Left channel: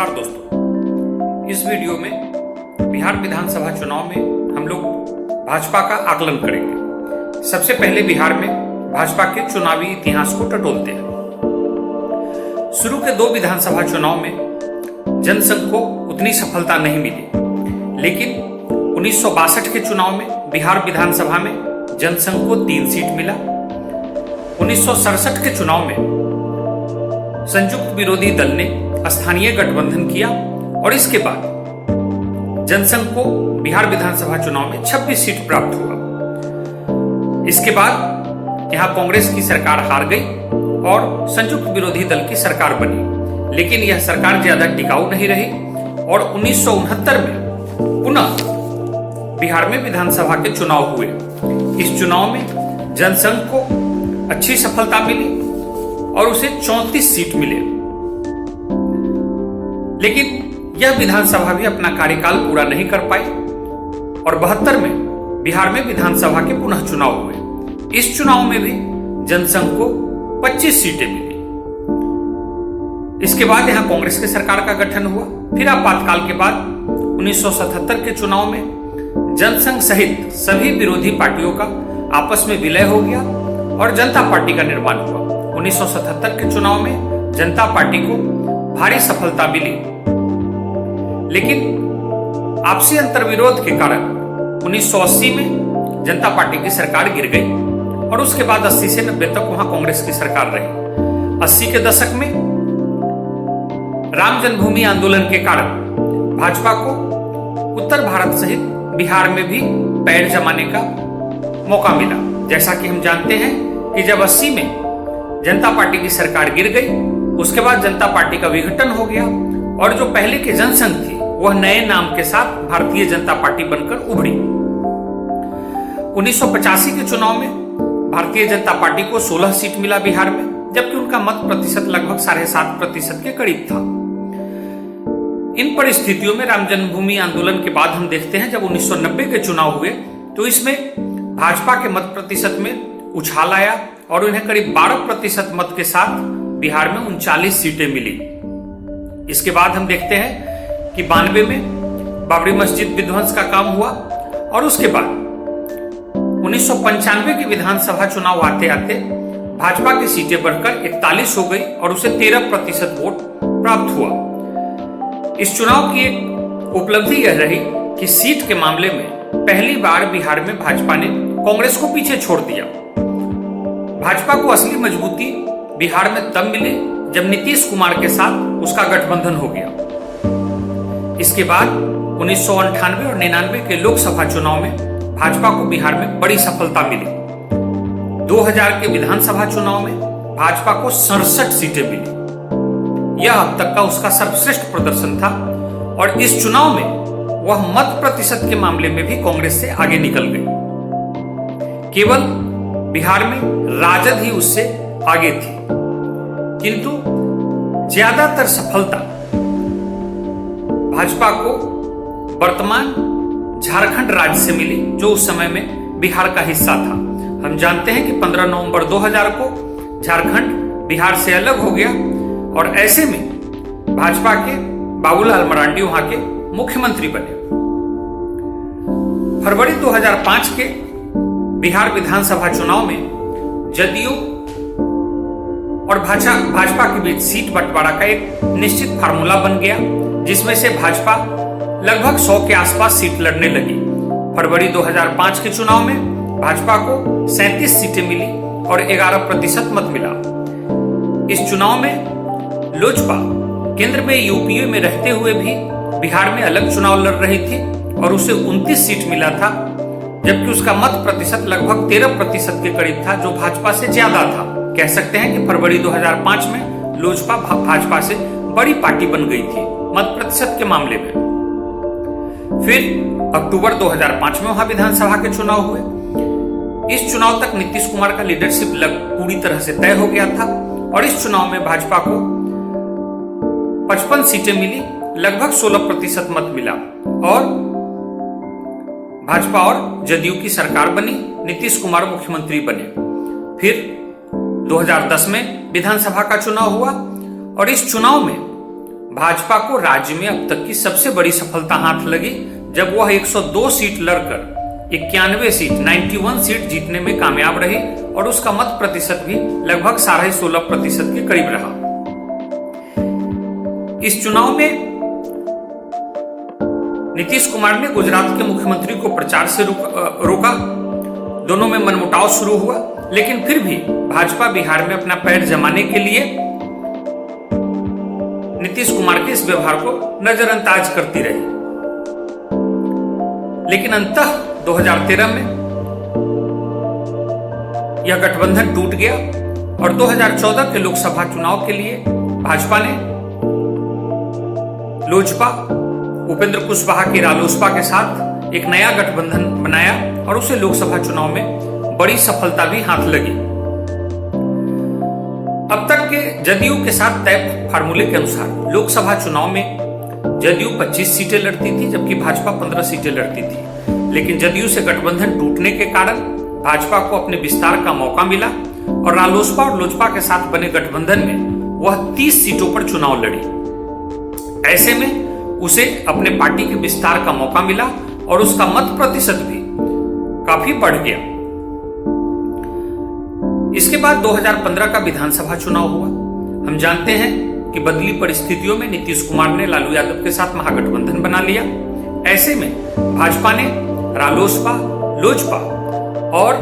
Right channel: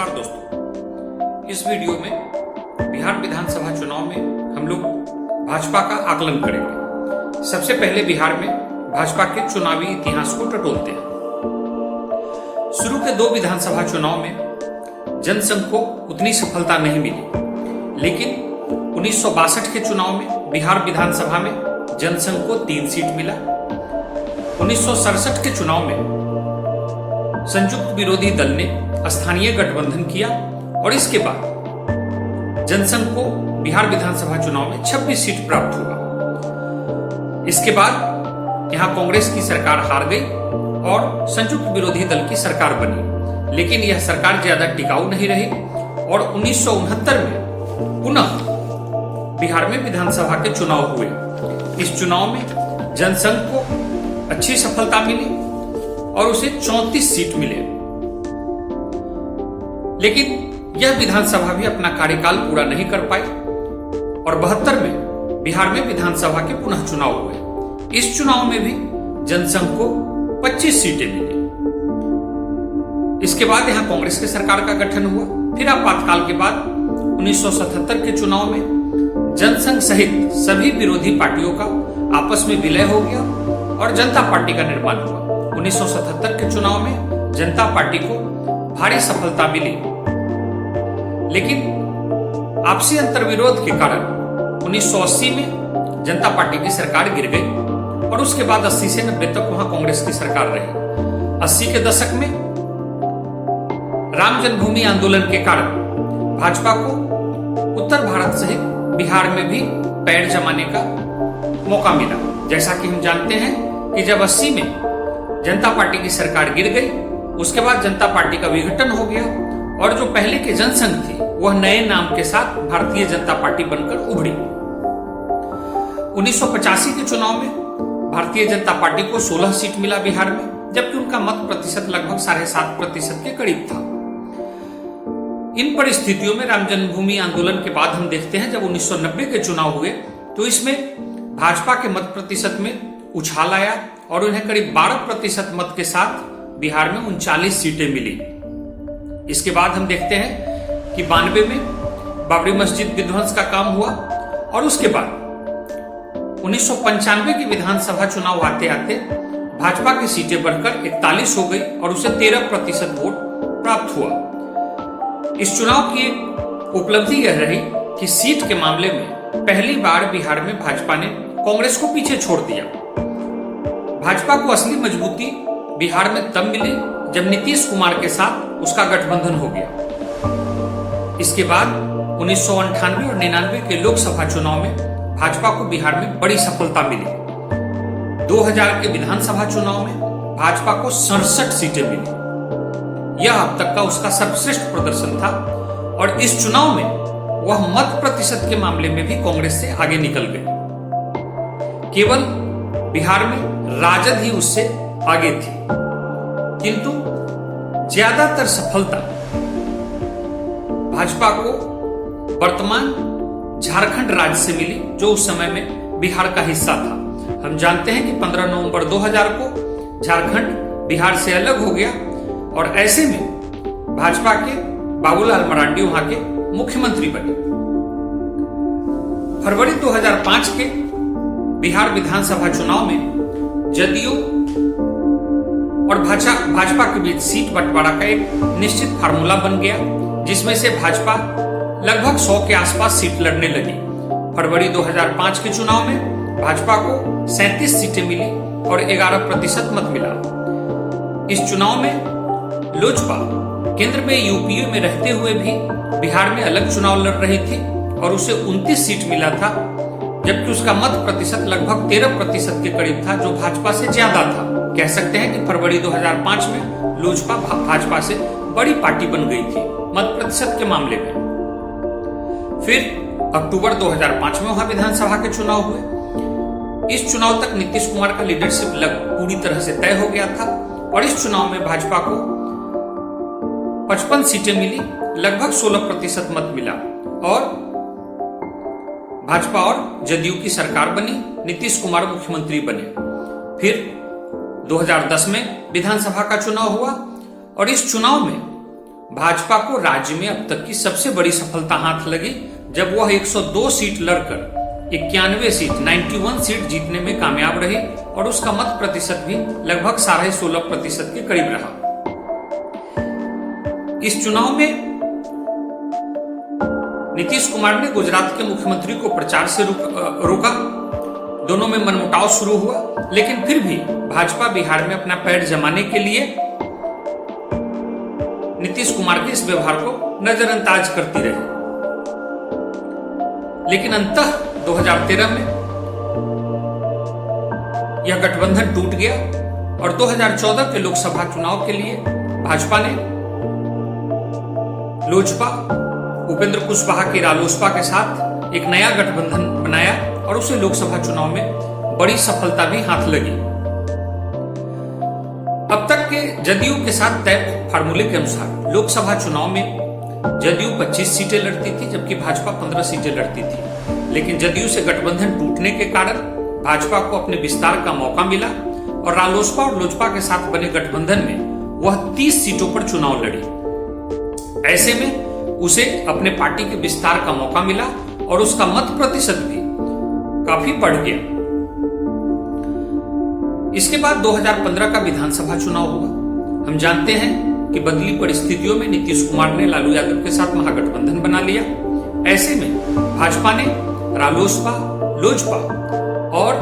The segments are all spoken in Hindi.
नमस्कार दोस्तों, इस वीडियो में बिहार विधानसभा चुनाव में हम लोग भाजपा का आकलन करेंगे। सबसे पहले बिहार में भाजपा के चुनावी इतिहास को टटोलते हैं। शुरू के 2 विधानसभा चुनाव में जनसंघ को उतनी सफलता नहीं मिली, लेकिन 1962 के चुनाव में बिहार विधानसभा में जनसंघ को 3 सीट मिला। 1967 के चुनाव में संयुक्त विरोधी दल ने स्थानीय गठबंधन किया और इसके बाद जनसंघ को बिहार विधानसभा चुनाव में 26 सीट प्राप्त हुआ। इसके बाद यहां कांग्रेस की सरकार हार गई और संयुक्त विरोधी दल की सरकार बनी, लेकिन यह सरकार ज्यादा टिकाऊ नहीं रही और 1969 में पुनः बिहार में विधानसभा के चुनाव हुए। इस चुनाव में जनसंघ को अच्छी सफलता मिली और उसे 34 सीट मिले, लेकिन यह विधानसभा भी अपना कार्यकाल पूरा नहीं कर पाई और 72 में बिहार में विधानसभा के पुनः चुनाव हुए। इस चुनाव में भी जनसंघ को 25 सीटें मिली। इसके बाद यहां कांग्रेस की सरकार का गठन हुआ। फिर आपातकाल के बाद 1977 के चुनाव में जनसंघ सहित सभी विरोधी पार्टियों का आपस में विलय हो गया और जनता पार्टी का निर्माण हुआ। 1977 के चुनाव में जनता पार्टी को भारी सफलता मिली, लेकिन आपसी अंतर्विरोध के कारण 1980 में जनता पार्टी की सरकार गिर गई और उसके बाद 80 से 90 तक वहां कांग्रेस की सरकार रही। 80 के दशक में राम जन्मभूमि आंदोलन के कारण भाजपा को उत्तर भारत सहित बिहार में भी पैर जमाने का मौका मिला। जैसा कि हम जानते हैं कि जब 80 में जनता पार्टी की सरकार गिर गई, उसके बाद जनता पार्टी का विघटन हो गया और जो पहले के जनसंघ थी वह नए नाम के साथ भारतीय जनता पार्टी बनकर उभरी। 1985 के चुनाव में भारतीय जनता पार्टी को 16 सीट मिला बिहार में, जबकि उनका मत प्रतिशत लगभग 7.5% के करीब था। इन परिस्थितियों में राम जन्मभूमि आंदोलन के बाद हम देखते हैं जब 1990 के चुनाव हुए तो इसमें भाजपा के मत प्रतिशत में उछाल आया और उन्हें करीब 12% मत के साथ बिहार में 39 सीटें मिली। इसके बाद हम देखते हैं कि 92 में बाबरी मस्जिद विध्वंस का काम हुआ और उसके बाद 1995 के विधानसभा चुनाव आते आते भाजपा की सीटें बढ़कर 41 हो गई और उसे 13% वोट प्राप्त हुआ। इस चुनाव की एक उपलब्धि यह रही कि सीट के मामले में पहली बार बिहार में भाजपा ने कांग्रेस को पीछे छोड़ दिया। भाजपा को असली मजबूती बिहार में तब मिली जब नीतीश कुमार के साथ उसका गठबंधन हो गया। इसके बाद 1998 और 99 के लोकसभा चुनाव में भाजपा को बिहार में बड़ी सफलता मिली। 2000 के विधानसभा चुनाव में भाजपा को 67 सीटें मिली। यह अब तक का उसका सर्वश्रेष्ठ प्रदर्शन था और इस चुनाव में वह मत प्रतिशत के मामले में भी कांग्रेस से आगे निकल गई। केवल बिहार में राजद ही उससे आगे थी, किंतु ज्यादातर सफलता भाजपा को वर्तमान झारखंड राज्य से मिली, जो उस समय में बिहार का हिस्सा था। हम जानते हैं कि 15 नवंबर 2000 को झारखंड बिहार से अलग हो गया और ऐसे में भाजपा के बाबूलाल मरांडी वहां के मुख्यमंत्री बने। फरवरी 2005 के बिहार विधानसभा चुनाव में जदयू और भाजपा के बीच सीट बंटवारा का एक निश्चित फार्मूला बन गया, जिसमें से भाजपा लगभग 100 के आसपास सीट लड़ने लगी। फरवरी 2005 के चुनाव में भाजपा को 37 सीटें मिली और 11% मत मिला। इस चुनाव में लोजपा केंद्र में यूपीए में रहते हुए भी बिहार में अलग चुनाव लड़ रही थी और उसे 29 सीट मिला था, जबकि उसका मत प्रतिशत लगभग 13% के करीब था, जो भाजपा से ज्यादा था। कह सकते हैं कि फरवरी 2005 में लोजपा भाजपा से बड़ी पार्टी बन गई थी मत प्रतिशत के मामले में। फिर अक्टूबर 2005 में वहां विधानसभा के चुनाव हुए। इस चुनाव तक नीतीश कुमार का लीडरशिप पूरी तरह से तय हो गया था और इस चुनाव में भाजपा को 55 सीटें मिली, लगभग 16% मत मिला और भाजपा और जदयू की सरकार बनी। नीतीश कुमार मुख्यमंत्री बने। फिर 2010 में विधानसभा का चुनाव हुआ और इस चुनाव में भाजपा को राज्य में अब तक की सबसे बड़ी सफलता हाथ लगी, जब वह 102 सीट लड़कर 91 सीट 91 सीट जीतने में कामयाब रही और उसका मत प्रतिशत भी लगभग 16.5% के करीब रहा। इस चुनाव में नीतीश कुमार ने गुजरात के मुख्यमंत्री को प्रचार से रोका। दोनों में मनमुटाव शुरू हुआ, लेकिन फिर भी भाजपा बिहार में अपना पैर जमाने के लिए नीतीश कुमार के इस व्यवहार को नजरअंदाज करती रही। लेकिन अंततः 2013 में यह गठबंधन टूट गया और 2014 के लोकसभा चुनाव के लिए भाजपा ने लोजपा, उपेंद्र कुशवाहा की रालोसपा के साथ एक नया गठबंधन बनाया और उसे लोकसभा चुनाव में बड़ी सफलता भी हाथ लगी। अब तक के जदयू के साथ तय फार्मूले के अनुसार लोकसभा चुनाव में जदयू 25 सीटें लड़ती थी, जबकि भाजपा 15 सीटें लड़ती थी। लेकिन जदयू से गठबंधन टूटने के कारण भाजपा को अपने विस्तार का मौका मिला और रालोसपा और लोजपा के साथ बने गठबंधन में वह 30 सीटों पर चुनाव लड़ी। ऐसे में उसे अपने पार्टी के विस्तार का मौका मिला और उसका मत प्रतिशत भी काफी बढ़ गया। इसके बाद 2015 का विधानसभा चुनाव हुआ। हम जानते हैं कि बदली परिस्थितियों में नीतीश कुमार ने लालू यादव के साथ महागठबंधन बना लिया। ऐसे में भाजपा ने रालोसपा, लोजपा और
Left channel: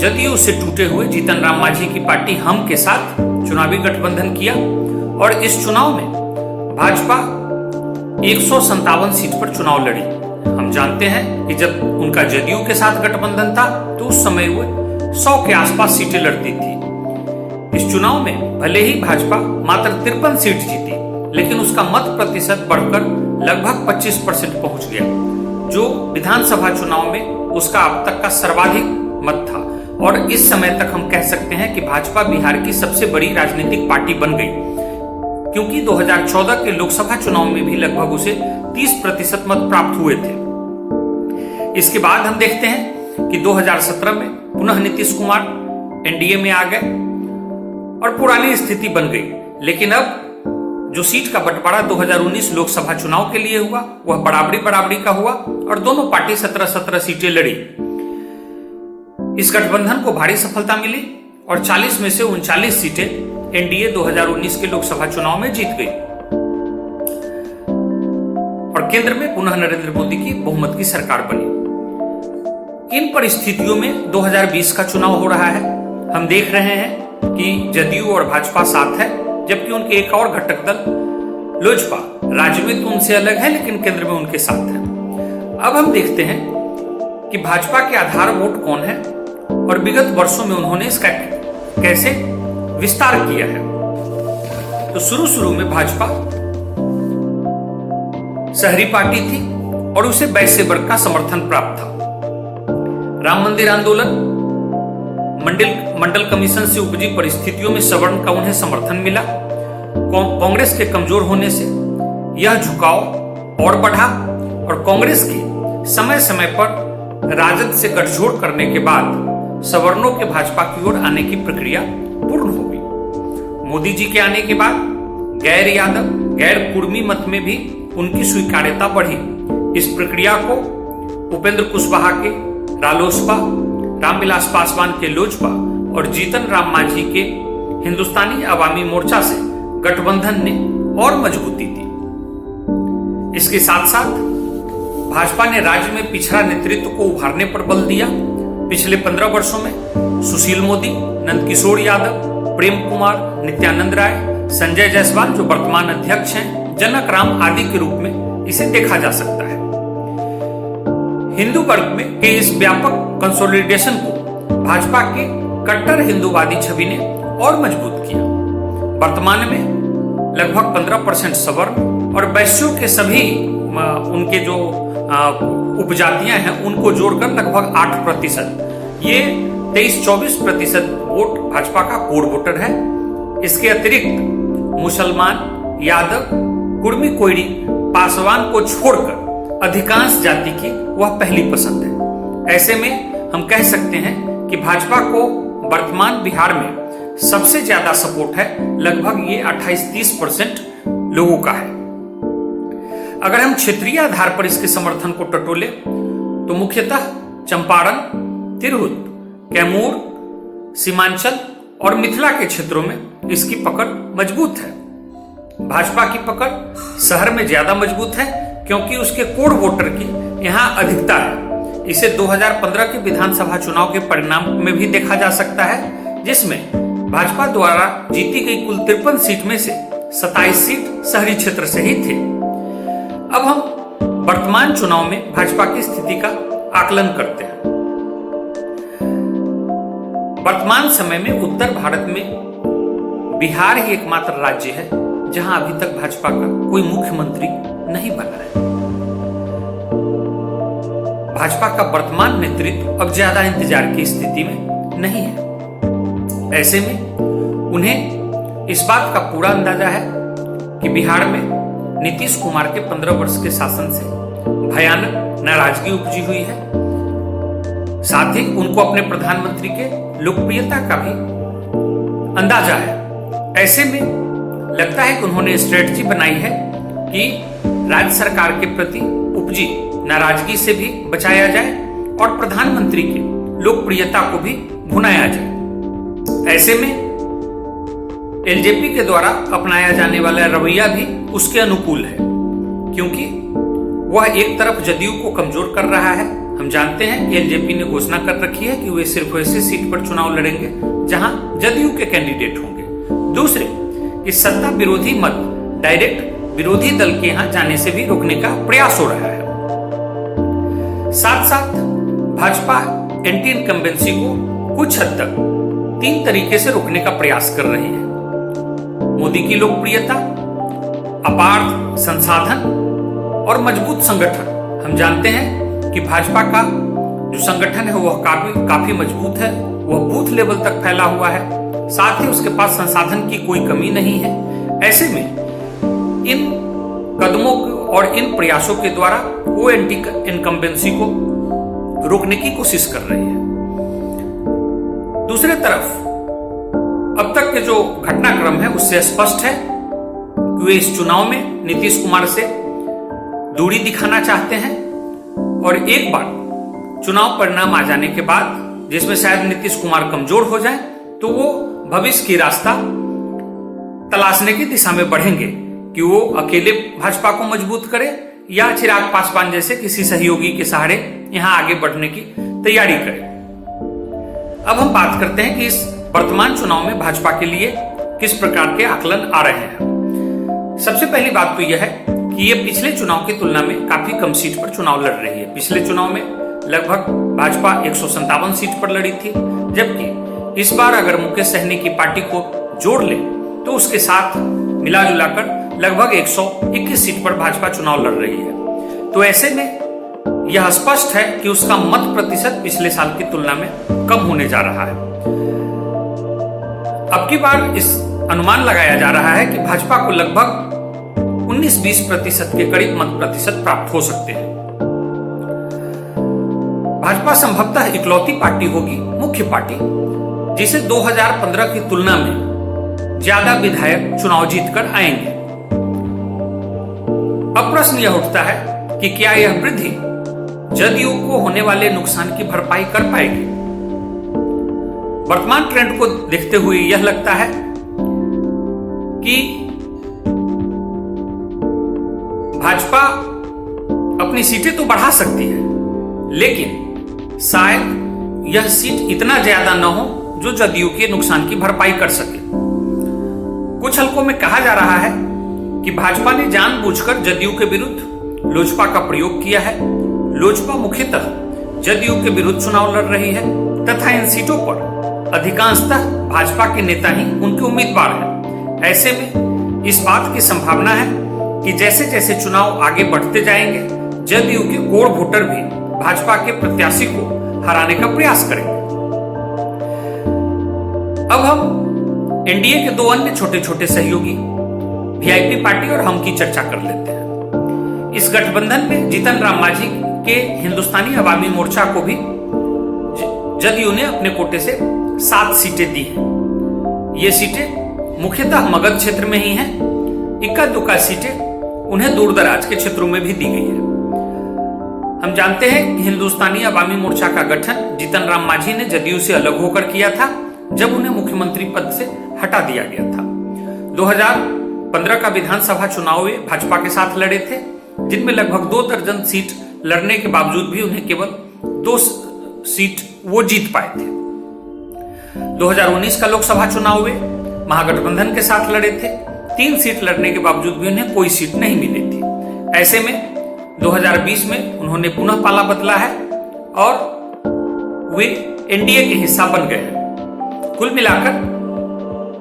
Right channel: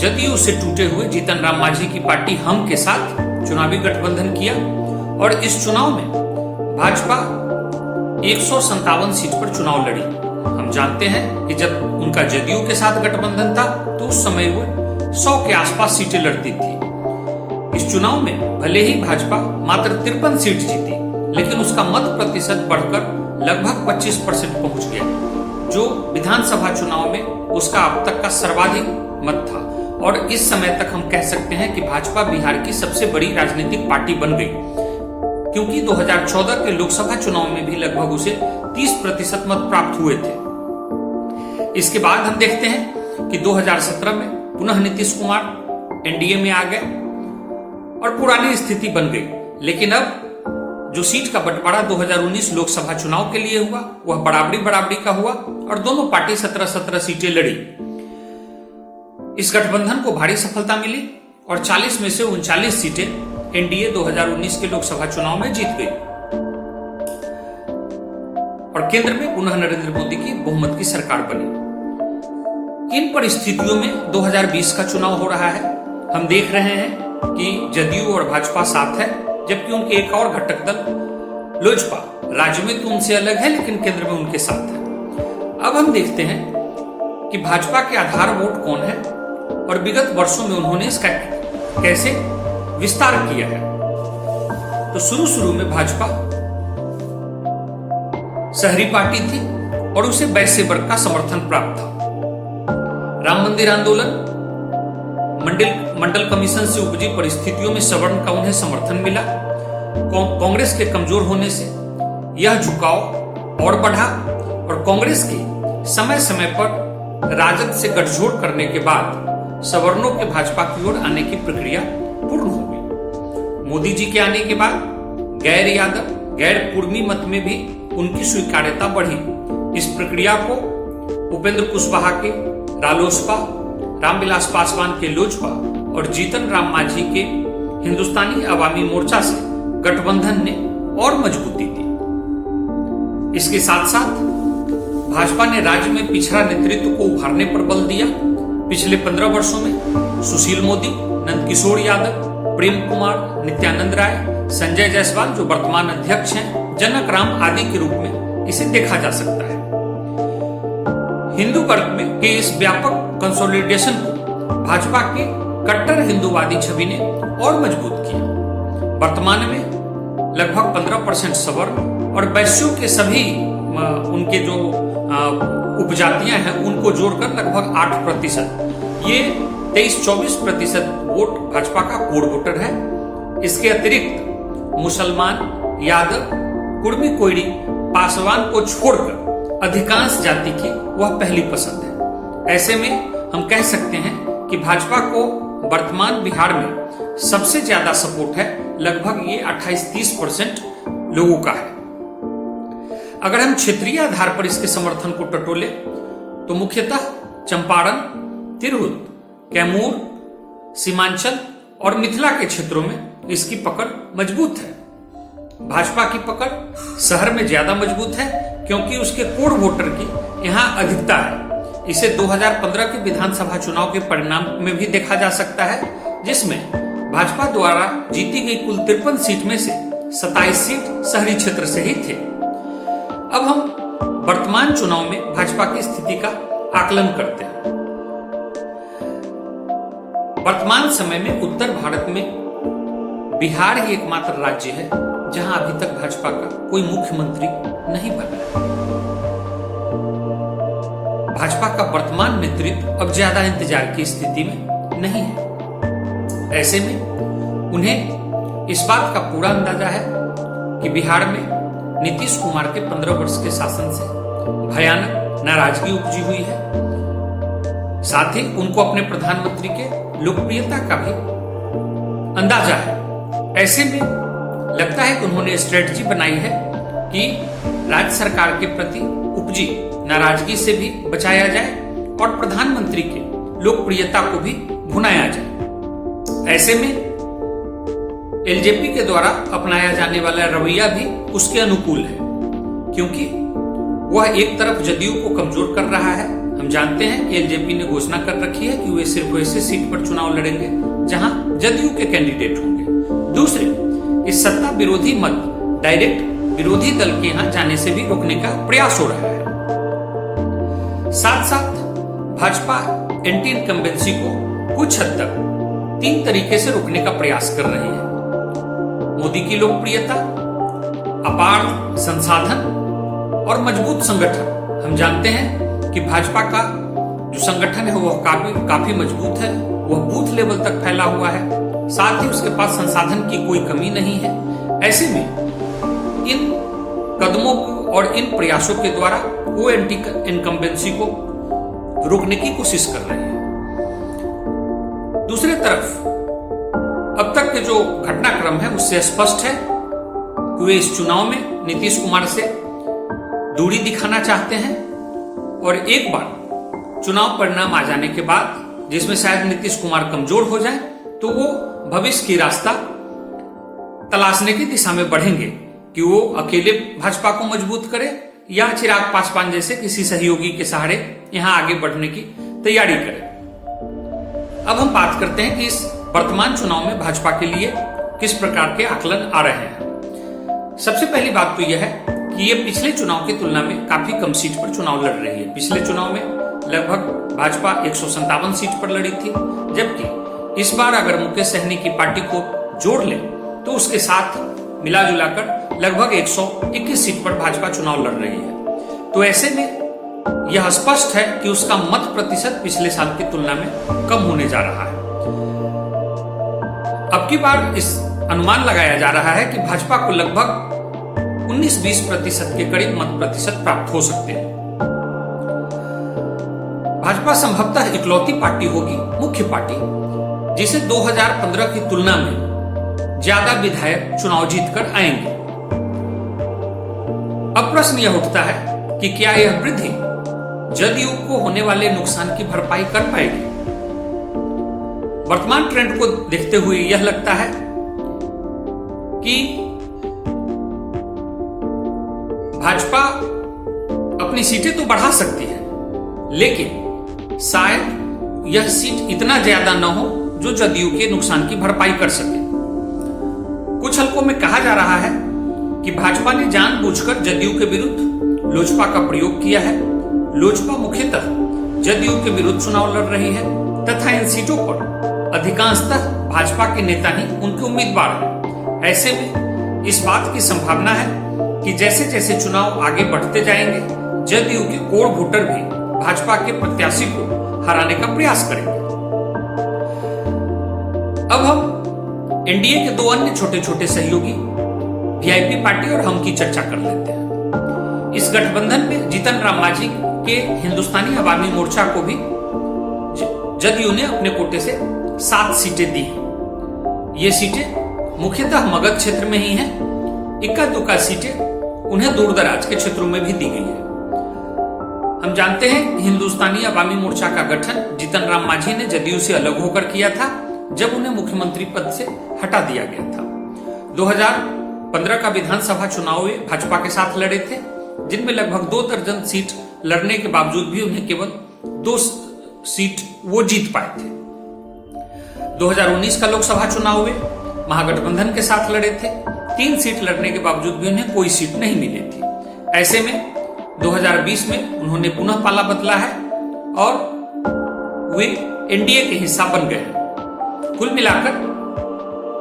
जदयू से टूटे हुए जीतन राम मांझी की पार्टी हम के साथ चुनावी गठबंधन किया और इस चुनाव में भाजपा 157 सीट पर चुनाव लड़ी। हम जानते हैं कि जब उनका जदयू के साथ गठबंधन था तो उस समय वो 100 के आसपास सीटें लड़ती थी। इस चुनाव में भले ही भाजपा मात्र 53 सीट जीती, लेकिन उसका मत प्रतिशत बढ़कर लगभग 25% पहुंच गया, जो विधानसभा चुनाव में उसका अब तक का सर्वाधिक मत था। और इस समय तक हम कह सकते हैं कि भाजपा बिहार की सबसे बड़ी राजनीतिक पार्टी बन गई, क्योंकि 2014 के लोकसभा चुनाव में भी लगभग उसे 30% मत प्राप्त हुए थे। इसके बाद हम देखते हैं कि 2017 में पुनः नीतीश कुमार एनडीए में आ गए और पुरानी स्थिति बन गई। लेकिन अब जो सीट का बंटवारा 2019 लोकसभा चुनाव के लिए हुआ वह बराबरी का हुआ और दोनों पार्टी 17-17 सीटें लड़ी। इस गठबंधन को भारी सफलता मिली और 40 में से 39 सीटें एनडीए 2019 के लोकसभा चुनाव में जीत गई और केंद्र में पुनः नरेंद्र मोदी की बहुमत की सरकार बनी। इन परिस्थितियों में 2020 का चुनाव हो रहा है। हम देख रहे हैं कि जदयू और भाजपा साथ है, जबकि उनके एक और घटक दल लोजपा राज्य में तो उनसे अलग है लेकिन केंद्र में उनके साथ है। अब हम देखते हैं कि भाजपा के आधार वोट कौन है और विगत वर्षों में उन्होंने इसका कैसे विस्तार किया है। तो शुरू में भाजपा शहरी पार्टी थी और उसे वैश्य वर्ग का समर्थन प्राप्त था। राम मंदिर आंदोलन, मंडल कमीशन से उपजी परिस्थितियों में सवर्ण का उन्हें समर्थन मिला। कांग्रेस के कमजोर होने से यह झुकाव और बढ़ा और कांग्रेस की समय समय पर राजद से गठजोड़ करने के बाद सवर्णों के भाजपा की ओर आने की प्रक्रिया पूर्ण हो गई। मोदी जी के आने के बाद गैर यादव, गैर कुर्मी मत में भी उनकी स्वीकार्यता बढ़ी। इस प्रक्रिया को उपेंद्र कुशवाहा के रालोसपा, रामविलास पासवान के लोजपा और जीतन राम मांझी के हिंदुस्तानी अवामी मोर्चा से गठबंधन ने और मजबूती दी। इसके साथ साथ भाजपा ने राज्य में पिछड़ा नेतृत्व को उभारने पर बल दिया। पिछले 15 वर्षों में सुशील मोदी, नंदकिशोर यादव, प्रेम कुमार, नित्यानंद राय, संजय जायसवाल जो वर्तमान अध्यक्ष हैं, जनक राम आदि के रूप में इसे देखा जा सकता है। हिंदू वर्ग में के इस व्यापक कंसोलिडेशन को भाजपा के कट्टर हिंदूवादी छवि ने और मजबूत किया। वर्तमान में लगभग 15% सवर्ण और वैश्यों के सभी उनके जो उपजातियां हैं उनको जोड़कर लगभग 8%। ये 23-24% वोट भाजपा का कोर वोटर है। इसके अतिरिक्त मुसलमान, यादव, कुर्मी, कोयरी, पासवान को छोड़कर अधिकांश जाति की वह पहली पसंद है। ऐसे में हम कह सकते हैं कि भाजपा को वर्तमान बिहार में सबसे ज्यादा सपोर्ट है, लगभग ये 28-30% लोगों का है। अगर हम क्षेत्रीय आधार पर इसके समर्थन को टटोले तो मुख्यतः चंपारण, तिरहुत, कैमूर, सीमांचल और मिथिला के क्षेत्रों में इसकी पकड़ मजबूत है। भाजपा की पकड़ शहर में ज्यादा मजबूत है क्योंकि उसके कोर वोटर की यहां अधिकता है। इसे 2015 के विधानसभा चुनाव के परिणाम में भी देखा जा सकता है, जिसमें भाजपा द्वारा जीती गई कुल 53 सीट में से 27 सीट शहरी क्षेत्र से ही थे। अब हम वर्तमान चुनाव में भाजपा की स्थिति का आकलन करते हैं। वर्तमान समय में उत्तर भारत में बिहार ही एकमात्र राज्य है जहां अभी तक भाजपा का कोई मुख्यमंत्री नहीं बना है। भाजपा का वर्तमान नेतृत्व अब ज्यादा इंतजार की स्थिति में नहीं है। ऐसे में उन्हें इस बात का पूरा अंदाजा है कि बिहार में नीतीश कुमार के 15 वर्ष के शासन से भयानक नाराजगी उपजी हुई है। साथ ही उनको अपने प्रधानमंत्री के लोकप्रियता का भी अंदाजा है। ऐसे में लगता है कि उन्होंने स्ट्रेटजी बनाई है कि राज्य सरकार के प्रति उपजी नाराजगी से भी बचाया जाए और प्रधानमंत्री के लोकप्रियता को भी भुनाया जाए। ऐसे में एलजेपी के द्वारा अपनाया जाने वाला रवैया भी उसके अनुकूल है, क्योंकि वह एक तरफ जदयू को कमजोर कर रहा है। हम जानते हैं कि एलजेपी ने घोषणा कर रखी है कि वे सिर्फ वैसे सीट पर चुनाव लड़ेंगे जहां जदयू के कैंडिडेट होंगे। दूसरे, इस सत्ता विरोधी मत डायरेक्ट विरोधी दल के यहां जाने से भी रोकने का प्रयास हो रहा है। साथ साथ भाजपा एंटी इनकम्बेंसी को कुछ हद तक 3 तरीके से रोकने का प्रयास कर रही है। मोदी की लोकप्रियता, अपार संसाधन और मजबूत संगठन। हम जानते हैं कि भाजपा का जो संगठन है वह काफी मजबूत है, वह बूथ लेवल तक फैला हुआ है। साथ ही उसके पास संसाधन की कोई कमी नहीं है। ऐसे में इन कदमों और इन प्रयासों के द्वारा वो एंटी इनकम्बेंसी को रोकने की कोशिश कर रही है। दूसरे तरफ अब तक के जो घटनाक्रम है उससे स्पष्ट है कि वे इस चुनाव में नीतीश कुमार से दूरी दिखाना चाहते हैं और एक बार चुनाव परिणाम आ जाने के बाद, जिसमें शायद नीतीश कुमार कमजोर हो जाएं, तो वो भविष्य की रास्ता तलाशने की दिशा में बढ़ेंगे कि वो अकेले भाजपा को मजबूत करे या चिराग पासवान जैसे किसी सहयोगी के सहारे यहां आगे बढ़ने की तैयारी करे। अब हम बात करते हैं कि इस वर्तमान चुनाव में भाजपा के लिए किस प्रकार के आकलन आ रहे हैं। सबसे पहली बात तो यह है कि ये पिछले चुनाव की तुलना में काफी कम सीट पर चुनाव लड़ रही है। पिछले चुनाव में लगभग भाजपा 157 सीट पर लड़ी थी, जबकि इस बार अगर मुकेश सहनी की पार्टी को जोड़ ले तो उसके साथ मिला जुलाकर लगभग 121 सीट पर भाजपा चुनाव लड़ रही है। तो ऐसे में यह स्पष्ट है कि उसका मत प्रतिशत पिछले साल की तुलना में कम होने जा रहा है। अब की बार इस अनुमान लगाया जा रहा है कि भाजपा को लगभग 19-20% के करीब मत प्रतिशत प्राप्त हो सकते हैं। भाजपा संभवतः इकलौती पार्टी होगी, मुख्य पार्टी, जिसे 2015 की तुलना में ज्यादा विधायक चुनाव जीतकर आएंगे। अब प्रश्न यह उठता है कि क्या यह वृद्धि जदयू को होने वाले नुकसान की भरपाई कर पाएगी। वर्तमान ट्रेंड को देखते हुए यह लगता है कि भाजपा अपनी सीटें तो बढ़ा सकती है, लेकिन शायद यह सीट इतना ज्यादा न हो जो जदयू के नुकसान की भरपाई कर सके। कुछ हलकों में कहा जा रहा है कि भाजपा ने जानबूझकर जदयू के विरुद्ध लोजपा का प्रयोग किया है। लोजपा मुख्यतः जदयू के विरुद्ध चुनाव लड़ रही है तथा इन सीटों पर अधिकांशतः भाजपा के नेता ही उनके उम्मीदवार हैं। ऐसे में इस बात की संभावना है कि जैसे जैसे चुनाव आगे बढ़ते जाएंगे, जदयू के कोर वोटर भी भाजपा के प्रत्याशी को हराने का प्रयास करेंगे। अब हम एनडीए के 2 अन्य छोटे छोटे सहयोगी वीआईपी पार्टी और हम की चर्चा कर लेते हैं। इस गठबंधन में जीतन राम मांझी के हिंदुस्तानी अवामी मोर्चा को भी जदयू ने अपने कोटे से 7 सीटें दी हैं। ये सीटें मुख्यतः मगध क्षेत्र में ही हैं। इक्का दुक्का सीटें उन्हें दूर दराज के क्षेत्रों में भी दी गई है। हम जानते हैं कि हिंदुस्तानी अवामी मोर्चा का गठन जीतन राम मांझी ने जदयू से अलग होकर किया था, जब उन्हें मुख्यमंत्री पद से हटा दिया गया था। 2015 का विधानसभा चुनाव वे भाजपा के साथ लड़े थे, जिनमें लगभग 2 दर्जन सीट लड़ने के बावजूद भी उन्हें केवल 2 सीट वो जीत पाए थे। 2019 का लोकसभा चुनाव वे महागठबंधन के साथ लड़े थे। 3 सीट लड़ने के बावजूद भी उन्हें कोई सीट नहीं मिली थी। ऐसे में 2020 में उन्होंने पुनः पाला बदला है और वे एनडीए के हिस्सा बन गए हैं। कुल मिलाकर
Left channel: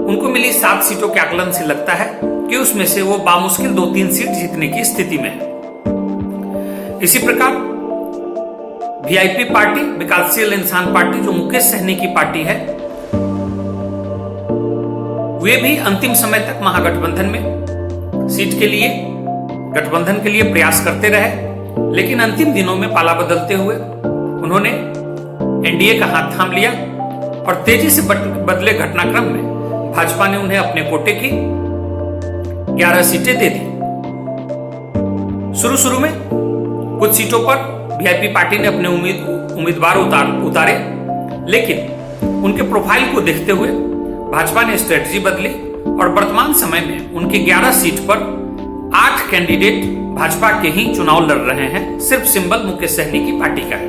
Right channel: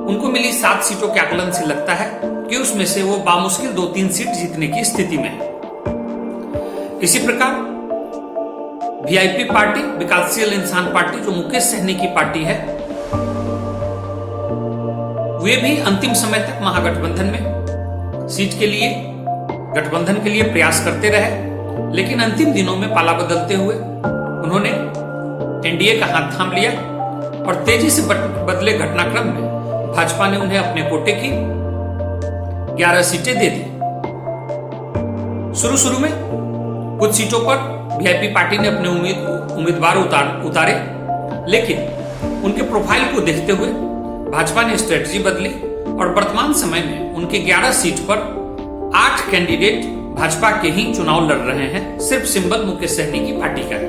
उनको मिली 7 सीटों के आकलन से लगता है कि उसमें से वो बामुश्किल 2-3 सीट जीतने की स्थिति में है। इसी प्रकार वीआईपी पार्टी विकासशील इंसान पार्टी, जो मुकेश सहनी की पार्टी है, वे भी अंतिम समय तक महागठबंधन में सीट के लिए गठबंधन के लिए प्रयास करते रहे, लेकिन अंतिम दिनों में पाला बदलते हुए उन्होंने एनडीए का हाथ थाम लिया और तेजी से बदले घटनाक्रम में भाजपा ने उन्हें अपने कोटे की 11 सीटें दे दी। शुरू में कुछ सीटों पर वीआईपी पार्टी ने अपने उम्मीदवार उतारे, लेकिन उनके प्रोफाइल को देखते हुए भाजपा ने स्ट्रेटजी बदली और वर्तमान समय में उनके 11 सीट पर 8 कैंडिडेट भाजपा के ही चुनाव लड़ रहे हैं। सिर्फ सिंबल मुकेश सहनी की पार्टी का है।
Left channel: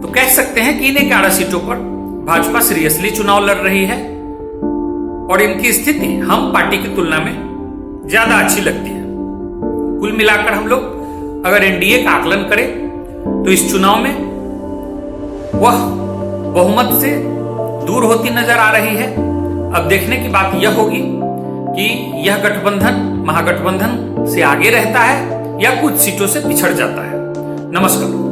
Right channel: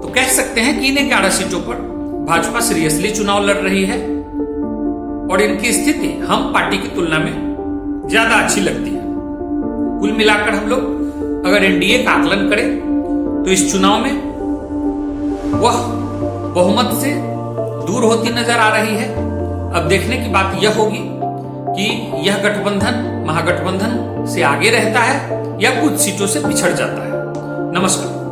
तो कह सकते हैं कि इन्हें 11 सीटों पर भाजपा सीरियसली चुनाव लड़ रही है और इनकी स्थिति हम पार्टी की तुलना में ज्यादा अच्छी लगती है। कुल मिलाकर हम लोग अगर एनडीए का आकलन करें तो इस चुनाव में वह बहुमत से दूर होती नजर आ रही है। अब देखने की बात यह होगी कि यह गठबंधन महागठबंधन से आगे रहता है या कुछ सीटों से पिछड़ जाता है। नमस्कार।